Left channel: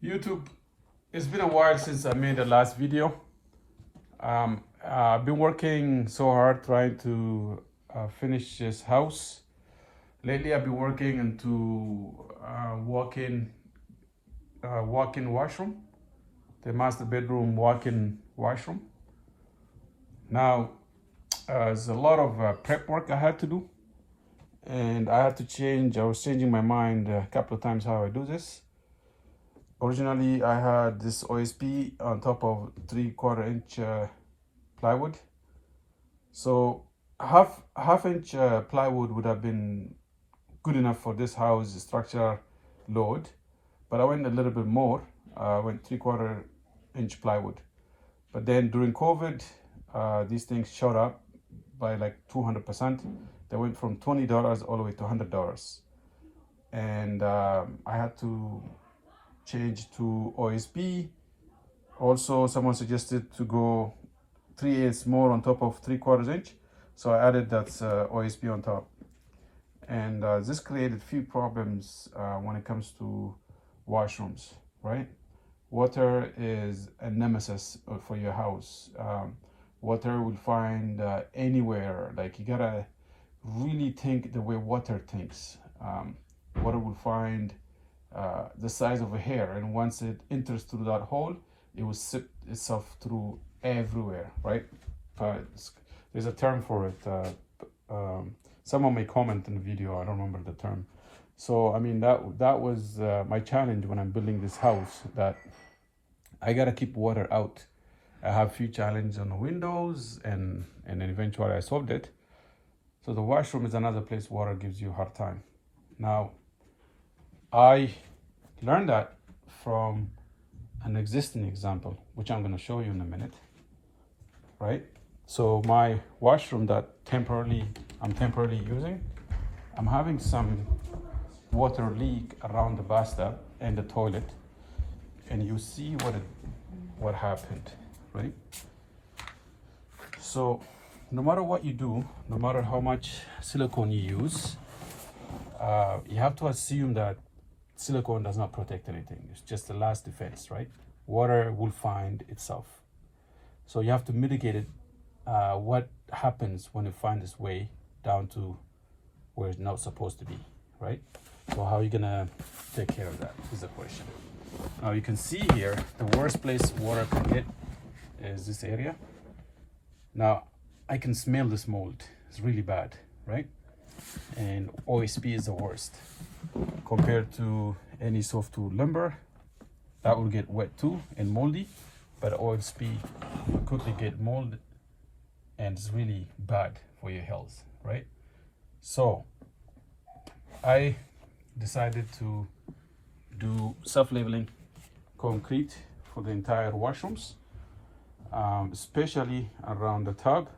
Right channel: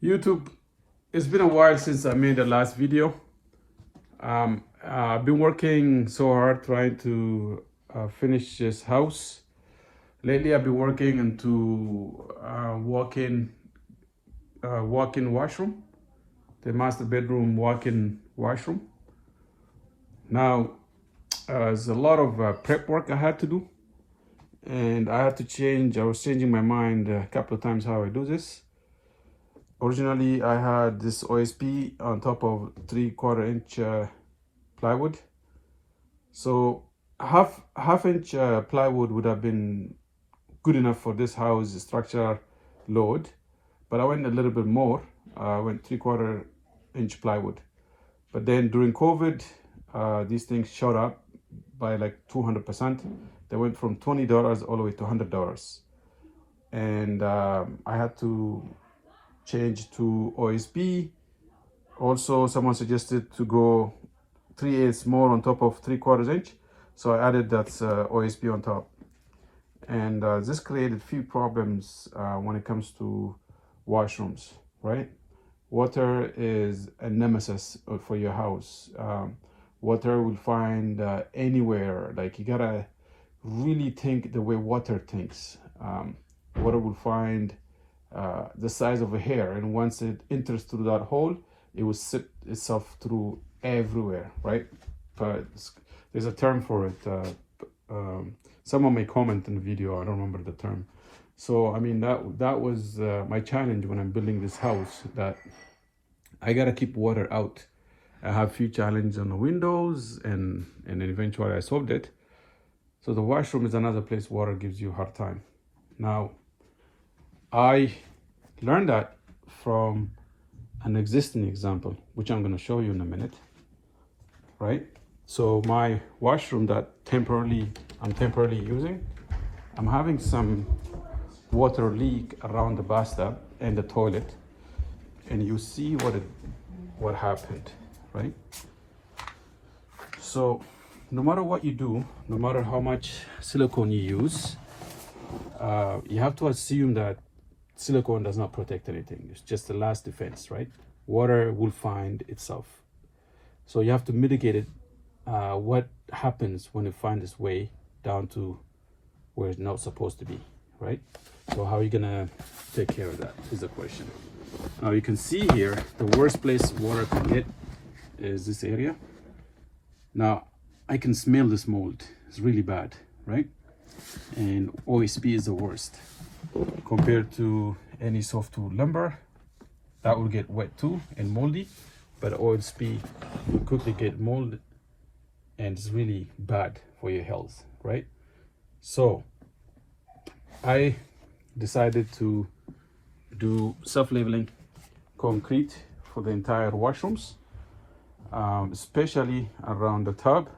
YouTube, it's been a while since I made the last video. I've been working so hard trying to finish this house. Lately, I've been working into walk-in washroom, the master bedroom walk-in washroom. Now, there's a lot of prep work I had to do, and I had to change. I was changing my mind a couple of times how I do this. Originally, I had this OSB on top of 3/4 inch plywood. So half inch plywood would have been good enough for this house structure load, but I went a little bit more. I went 3/4 inch plywood. But then during COVID, these things shot up by like 200%. They went from $20 all the way to $100, and I had to change to OSB. Also, someone suggested to go 3/8 more on top of 3/4 inch, so I added that OSB on top. And this created few problems when it comes to washrooms, right? Water is a nemesis for your house. Water will find anywhere. Like, you gotta really think the way water thinks. Water will find the size of a hair, and once it enters through that hole, it will sip itself through everywhere, right? But there's a term for it. Someone may comment in the video, I don't remember the term. So I mean, that was my challenge when I'm building this house, that I gotta keep water out. I have few challenges on the windows, and then eventually I solved it. So the washroom is another place water gives you a hard time. Now, I learned that from an existing example, which I'm going to show you in a minute, right? So my washroom that I'm temporarily using, I'm having some water leak around the bathtub and the toilet, and you see what happened, right? So no matter what you do, no matter how much silicone you use, you have to assume that silicone does not protect anything. It's just the last defense, right? Water will find itself. So you have to mitigate it. What happens when it finds its way down to where it's not supposed to be, right? So how are you gonna take care of that is the question. Now you can see here, the worst place water can get is this area. Now I can smell this mold. It's really bad, right? And OSB is the worst. Compared to any softwood lumber, that will get wet too and moldy, but OSB will quickly get molded, and it's really bad for your health, right? So I decided to do self-leveling concrete for the entire washrooms, especially around the tub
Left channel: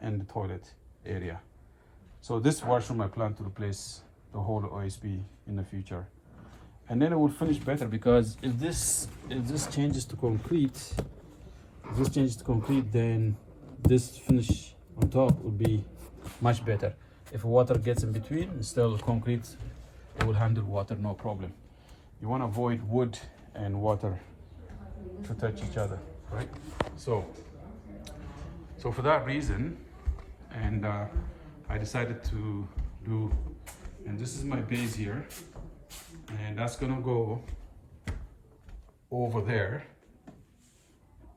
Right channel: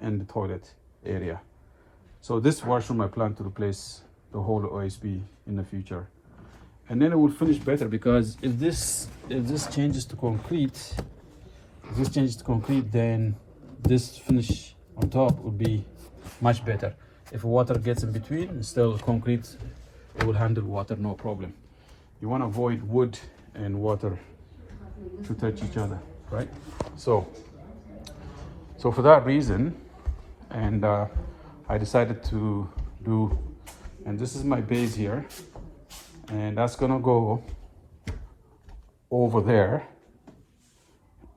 and the toilet area. So this washroom I plan to replace the whole OSB in the future, and then it will finish better, because if this changes to concrete, then this finish on top will be much better. If water gets in between, still concrete, it will handle water no problem. You want to avoid wood and water to touch each other, right? So for that reason, and I decided to do, and this is my base here, and that's gonna go over there,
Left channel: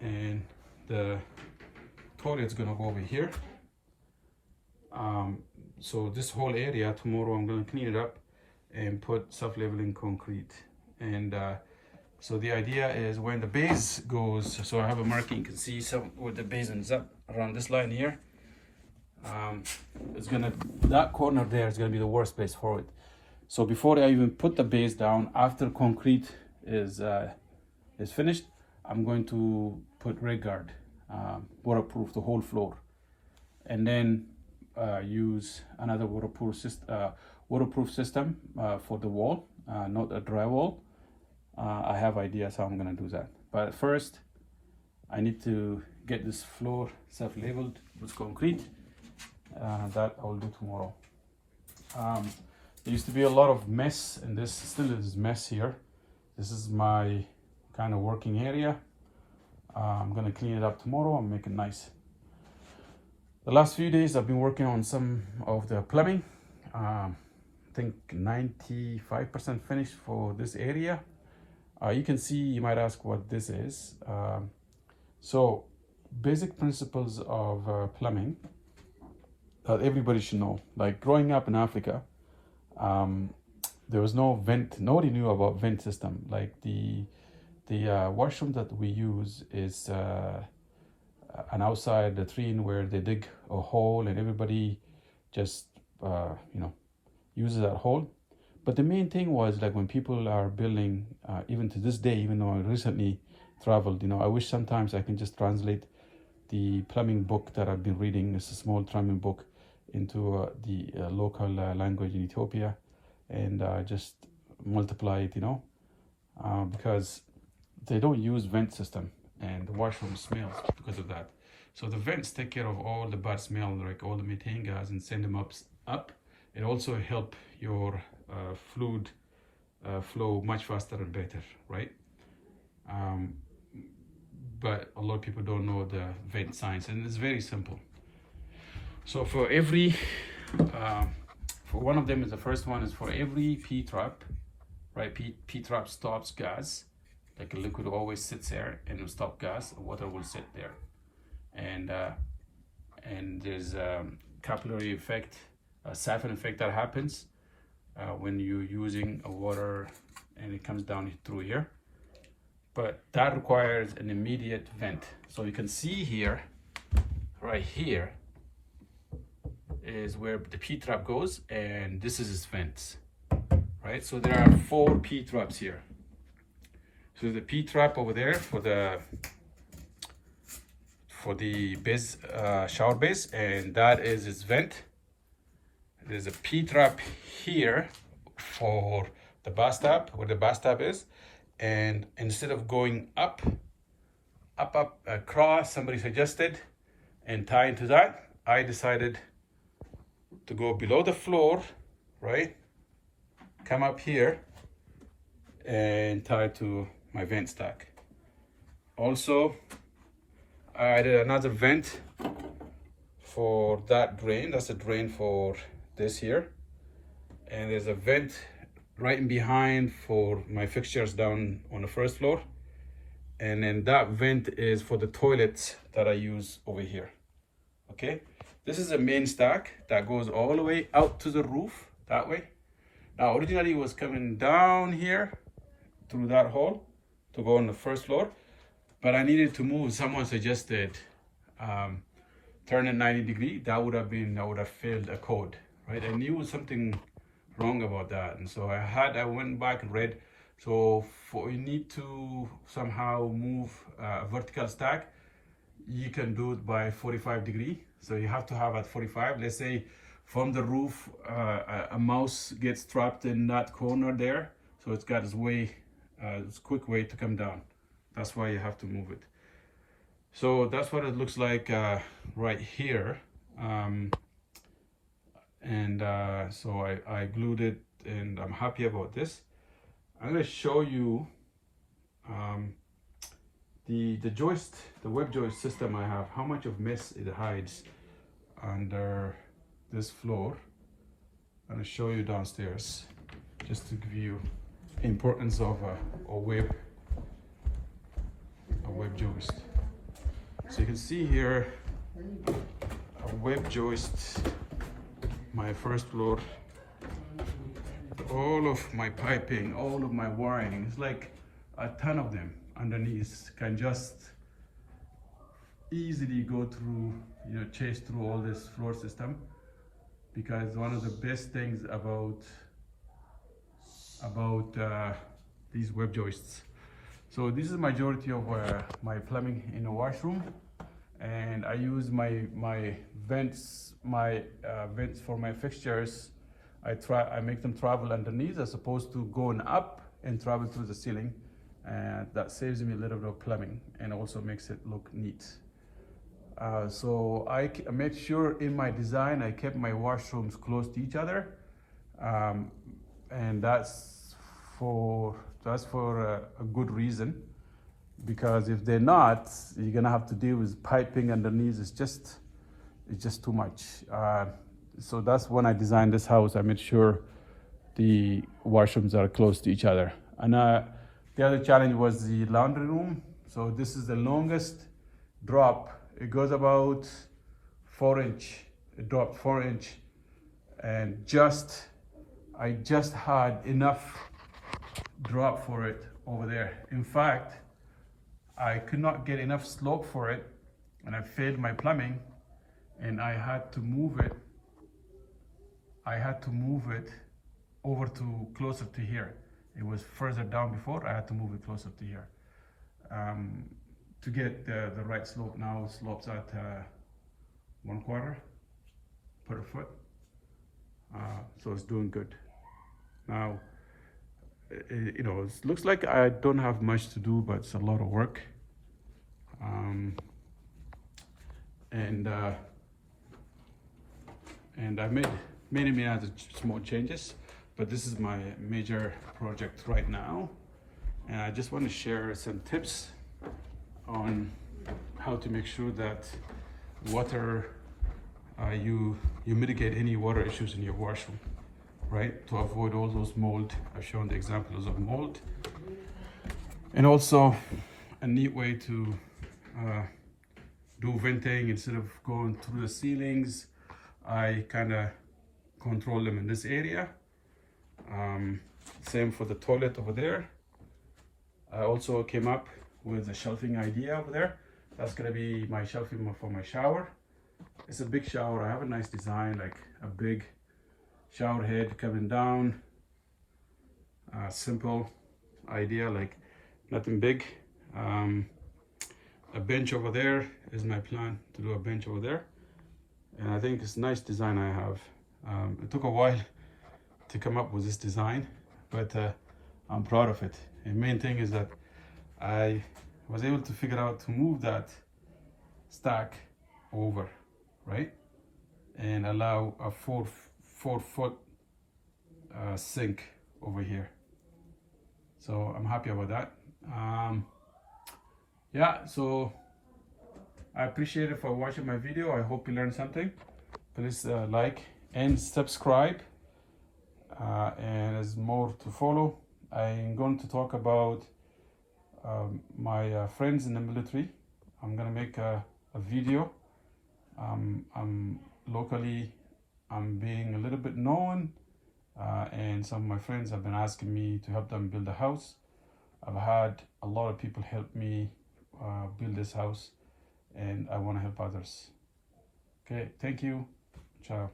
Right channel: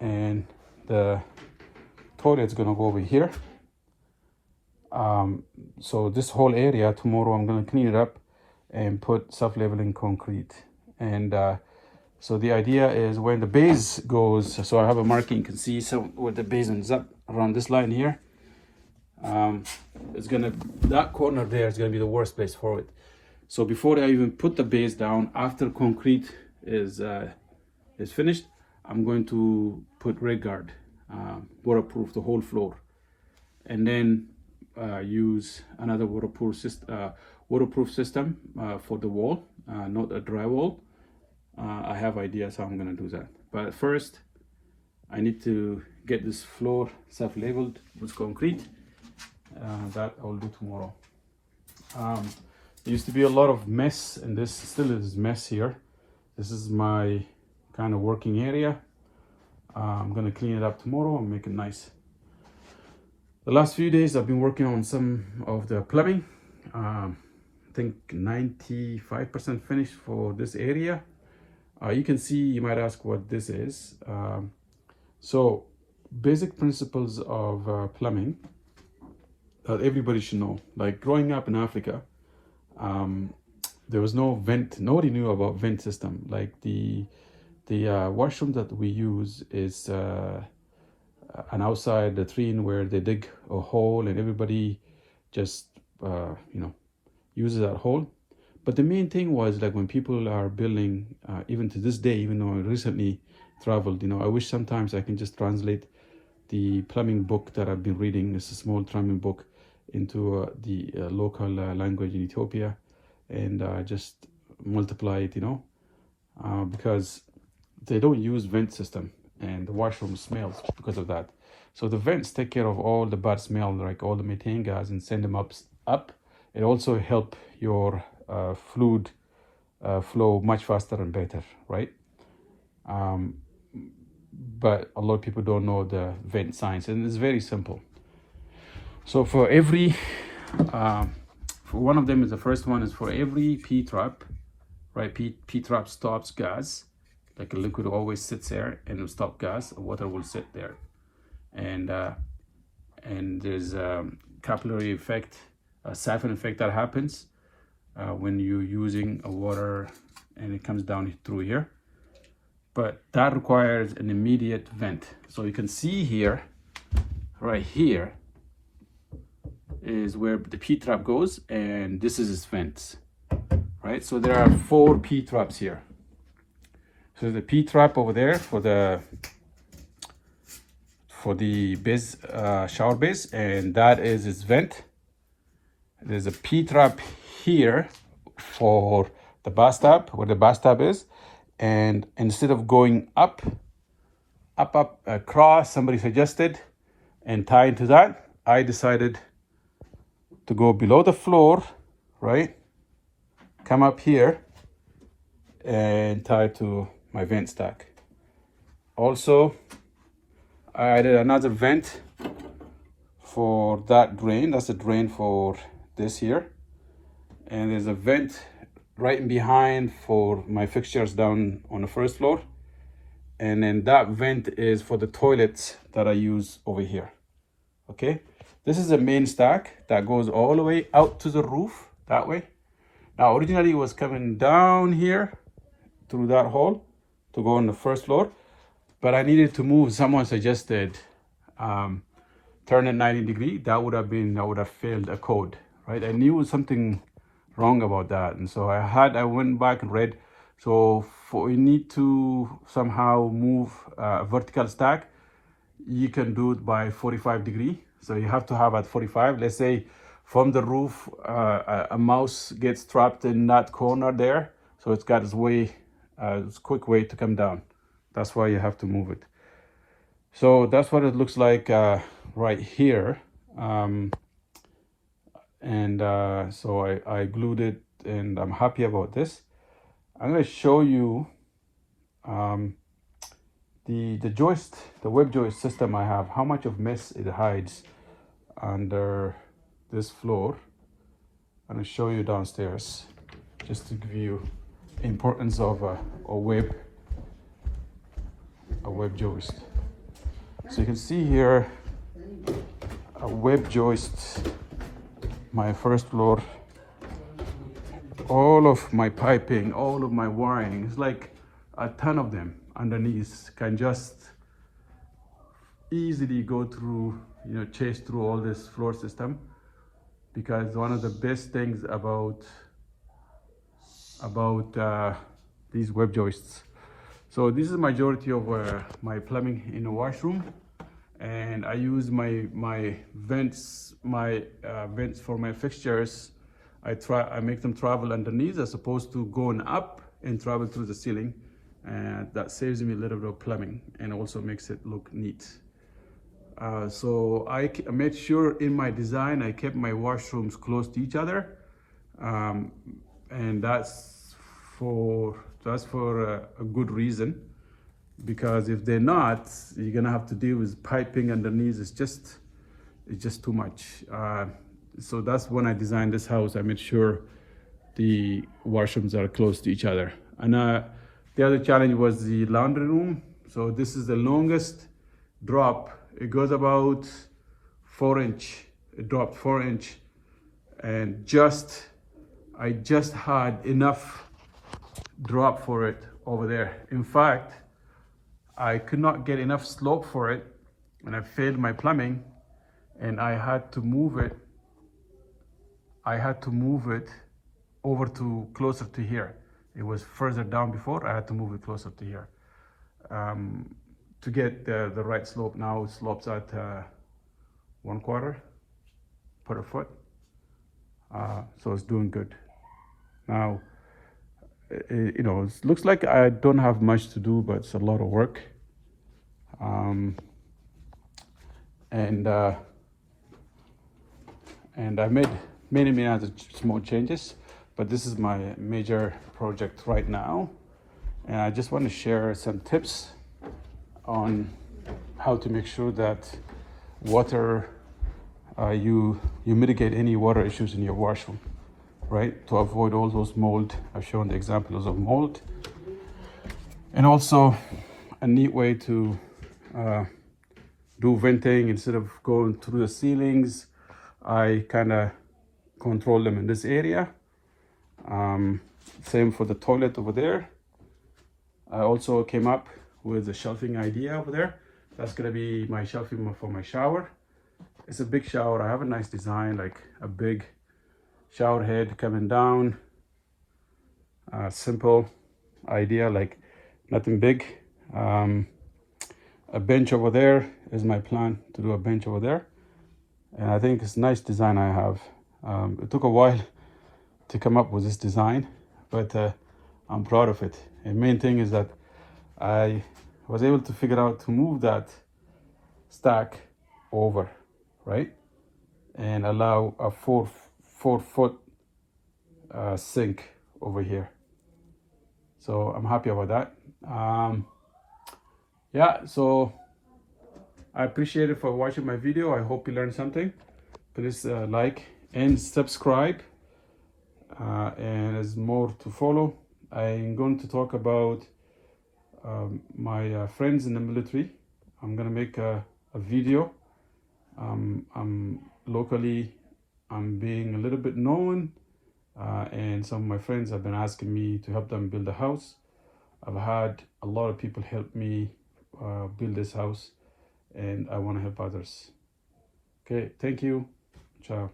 and the toilet's gonna go over here. So this whole area, tomorrow I'm gonna clean it up and put self-leveling concrete. And so the idea is when the base goes, so I have a marking, you can see where the base ends up around this line here. That corner there is gonna be the worst place for it. So before I even put the base down, after concrete is finished, I'm going to put rain guard, waterproof the whole floor, and then use another waterproof system for the wall, not a drywall. I have ideas how I'm gonna do that, but first I need to get this floor self-leveled with concrete. That I will do tomorrow. There used to be a lot of mess, and this still is mess here. This is my kind of working area. I'm gonna clean it up tomorrow and make it nice. The last few days I've been working on some of the plumbing. I think 95% finished for this area. You can see, you might ask what this is. So basic principles of plumbing that everybody should know. Like growing up in Africa, there was no vent. Nobody knew about vent system. Like the washroom that we use is an outside latrine where they dig a hole and everybody just uses that hole. But the main thing was like when people are building, even to this day, even though I recently traveled, I wish sometimes I can just translate the plumbing book that I've been reading. It's a small plumbing book into the local language in Ethiopia, and just multiply it, because they don't use vent system and the washroom smells because of that. So the vents take care of all the bad smell, like all the methane gas, and send them up. It also help your fluid flow much faster and better, right? But a lot of people don't know the vent science, and it's very simple. So for every, for one of them is the first one is for every P-trap, right? P-trap stops gas, like a liquid always sits there and will stop gas, water will sit there. And there's a capillary effect, a siphon effect that happens when you're using a water and it comes down through here. But that requires an immediate vent. So you can see here, right here, is where the P-trap goes, and this is its vents, right? So there are 4 P-traps here. So the P-trap over there for the base, shower base, and that is its vent. There's a P-trap here for the bathtub, where the bathtub is, and instead of going up across, somebody suggested, and tie into that, I decided to go below the floor, right? Come up here and tie to my vent stack. Also, I added another vent for that drain. That's a drain for this here. And there's a vent right in behind for my fixtures down on the first floor. And then that vent is for the toilets that I use over here. Okay, this is the main stack that goes all the way out to the roof that way. Now originally it was coming down here through that hole to go on the first floor, but I needed to move. Someone suggested turn it 90 degrees. That would have failed a code, right? I knew something wrong about that, and so I went back and read. So you need to somehow move a vertical stack. You can do it by 45 degrees. So you have to have at 45. Let's say from the roof, a mouse gets trapped in that corner there. So it's got its way, it's a quick way to come down. That's why you have to move it. So that's what it looks like right here. So I glued it, and I'm happy about this. I'm going to show you the joist, the web joist system I have, how much of mess it hides under this floor. I'm going to show you downstairs just to give you importance of a web joist. So you can see here a web joist, my first floor. All of my piping, all of my wiring, it's like a ton of them underneath can just easily go through, chase through all this floor system. Because one of the best things about these web joists. So this is the majority of my plumbing in the washroom, and I use my vents for my fixtures. I make them travel underneath as opposed to going up and travel through the ceiling, and that saves me a little bit of plumbing and also makes it look neat. So I made sure in my design I kept my washrooms close to each other, and that's to That's for a good reason, because if they're not, you're gonna have to deal with piping underneath. It's just too much. So that's when I designed this house. I made sure the washrooms are close to each other. And the other challenge was the laundry room. So this is the longest drop. It goes about 4 inch. It dropped 4 inch, and I just had enough drop for it over there. In fact, I could not get enough slope for it, and I failed my plumbing, and I had to move it. Over to closer to here. It was further down before. I had to move it closer to here to get the right slope. Now it slopes at 1/4 per foot, so it's doing good. Now, it looks like I don't have much to do, but it's a lot of work. And I made many other small changes, but this is my major project right now. And I just want to share some tips on how to make sure that water, you mitigate any water issues in your washroom, right? To avoid all those mold. I've shown the examples of mold. And also a neat way to do venting. Instead of going through the ceilings, I kind of control them in this area. Same for the toilet over there. I also came up with a shelving idea over there. That's gonna be my shelving for my shower. It's a big shower. I have a nice design, like a big shower head coming down. Simple idea, like nothing big. A bench over there is my plan, to do a bench over there. And I think it's a nice design I have. It took a while to come up with this design, but I'm proud of it. The main thing is that I was able to figure out to move that stack over, right? And allow a four foot sink over here. So I'm happy about that. Yeah, so I appreciate it for watching my video. I hope you learned something. Please like and subscribe. And there's more to follow. I'm going to talk about my friends in the military. I'm gonna make a video. Locally, I'm being a little bit known, and some of my friends have been asking me to help them build a house. I've had a lot of people help me build this house, and I want to help others. Okay, thank you. Ciao.